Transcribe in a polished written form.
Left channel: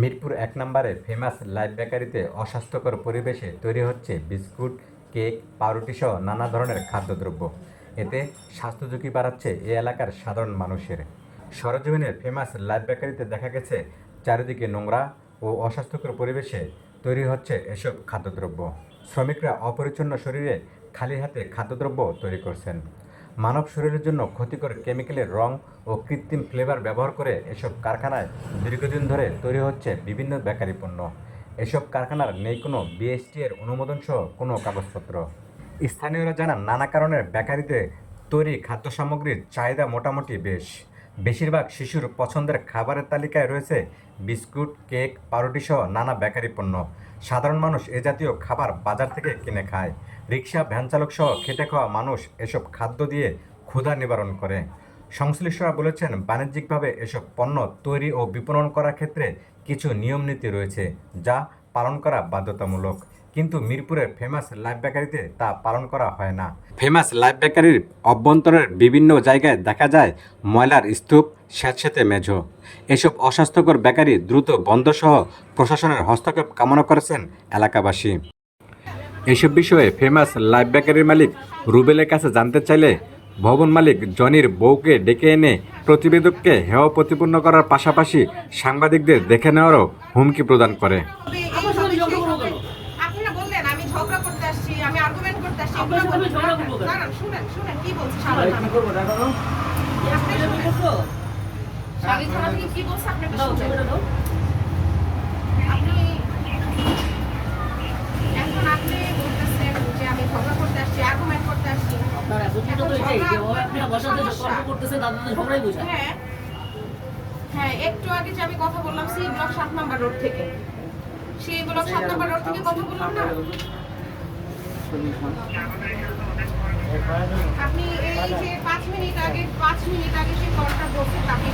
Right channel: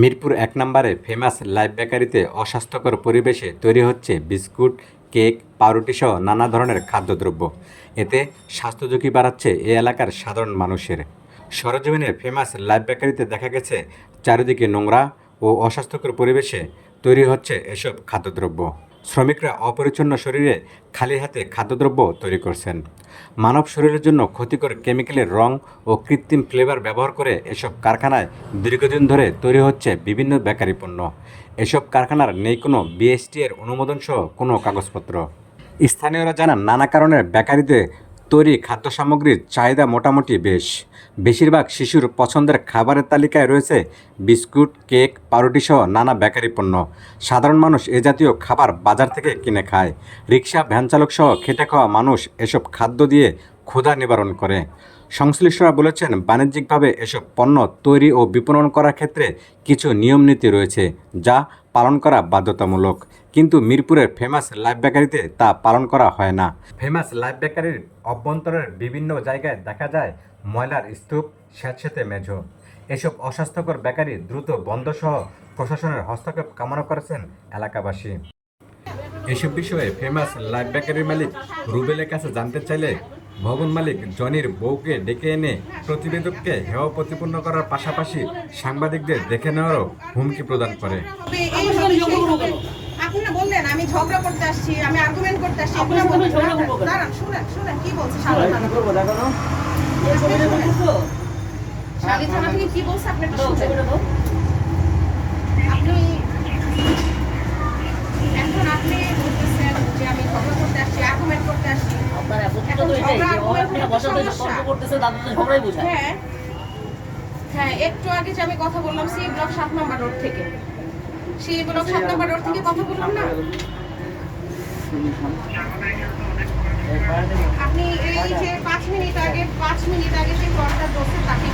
মিরপুর ১ নম্বরে famous live বেকারিতে অস্বাস্থ্যকর পরিবেশে তৈরি হচ্ছে বিস্কুট, কেক, পাউরুটিসহ নানা ধরনের খাদ্যদ্রব্য। এতে স্বাস্থ্য ঝুঁকি বাড়াচ্ছে এ এলাকার সাধারণ মানুষের। সরেজমিনে ফেমাস লাইভ বেকারিতে দেখা গেছে চারিদিকে নোংরা ও অস্বাস্থ্যকর পরিবেশে তৈরি হচ্ছে এসব খাদ্যদ্রব্য। শ্রমিকরা অপরিচ্ছন্ন শরীরে খালি হাতে খাদ্যদ্রব্য তৈরি করছেন। মানব শরীরের জন্য ক্ষতিকর কেমিক্যালের রং ও কৃত্রিম ফ্লেভার ব্যবহার করে এসব কারখানায় দীর্ঘদিন ধরে তৈরি হচ্ছে বিভিন্ন বেকারি পণ্য। এসব কারখানার নেই কোনো বিএসটি এর অনুমোদন সহ কোনো কাগজপত্র। স্থানীয়রা জানান, নানা কারণে বেকারিতে তৈরি খাদ্য সামগ্রীর চাহিদা মোটামুটি বেশ। বেশিরভাগ শিশুর পছন্দের খাবারের তালিকায় রয়েছে বিস্কুট, কেক, পাউরুটিসহ নানা বেকারি পণ্য। সাধারণ মানুষ এ জাতীয় খাবার বাজার থেকে কিনে খায়। রিকশা, ভ্যান চালক সহ খেটে খাওয়া মানুষ এসব খাদ্য দিয়ে ক্ষুধা নিবারণ করে। সংশ্লিষ্টরা বলেছেন, বাণিজ্যিকভাবে এসব পণ্য তৈরি ও বিপণন করার ক্ষেত্রে কিছু নিয়মনীতি রয়েছে, যা পালন করা বাধ্যতামূলক। কিন্তু মিরপুরের ফেমাস লাইভ বেকারিতে তা পালন করা হয় না। ফেমাস লাইভ বেকারির অভ্যন্তরের বিভিন্ন জায়গায় দেখা যায় ময়লার স্তূপ, স্যাঁতসেঁতে মেঝো। এসব অস্বাস্থ্যকর বেকারি দ্রুত বন্ধসহ প্রশাসনের হস্তক্ষেপ কামনা করেছেন এলাকাবাসী। এসব বিষয়ে ফেমাস লাইভ বেকারির মালিক রুবেলের কাছে জানতে চাইলে ভবন মালিক জনির বউকে ডেকে এনে প্রতিবেদককে হেয় প্রতিপন্ন করার পাশাপাশি সাংবাদিকদের দেখে নেওয়ারও হুমকি প্রদান করে। আপনারা বললেন আমি ঝগড়া করতে আসছি, আমি আর্গুমেন্ট করতে আসছি, এগুলো বলছেন। দাঁড়ান, শুনেন কি বলছে শালিক থানা থেকে কি বলছে আপনি একটু শুনেন। আপনি এখন আপনি বলতেছেন যে আমি ঝগড়া করতে আসছি, আর্গুমেন্ট করতে আসছি। আপনার আপত্তি তো এটাই যে আপনি বসাতে তর্ক করতেছেন, তাদের তো ঝগড়াই বোঝায়। হ্যাঁ, একটু আগে যে আমি কথা বললাম সি ব্লক 7 নম্বর রোড থেকে, সেই ব্লক 7 নম্বর রোড থেকে কথা বললাম না। আপনি এই যে 5 মিনিট আগে সেই কলটা বসে তাকে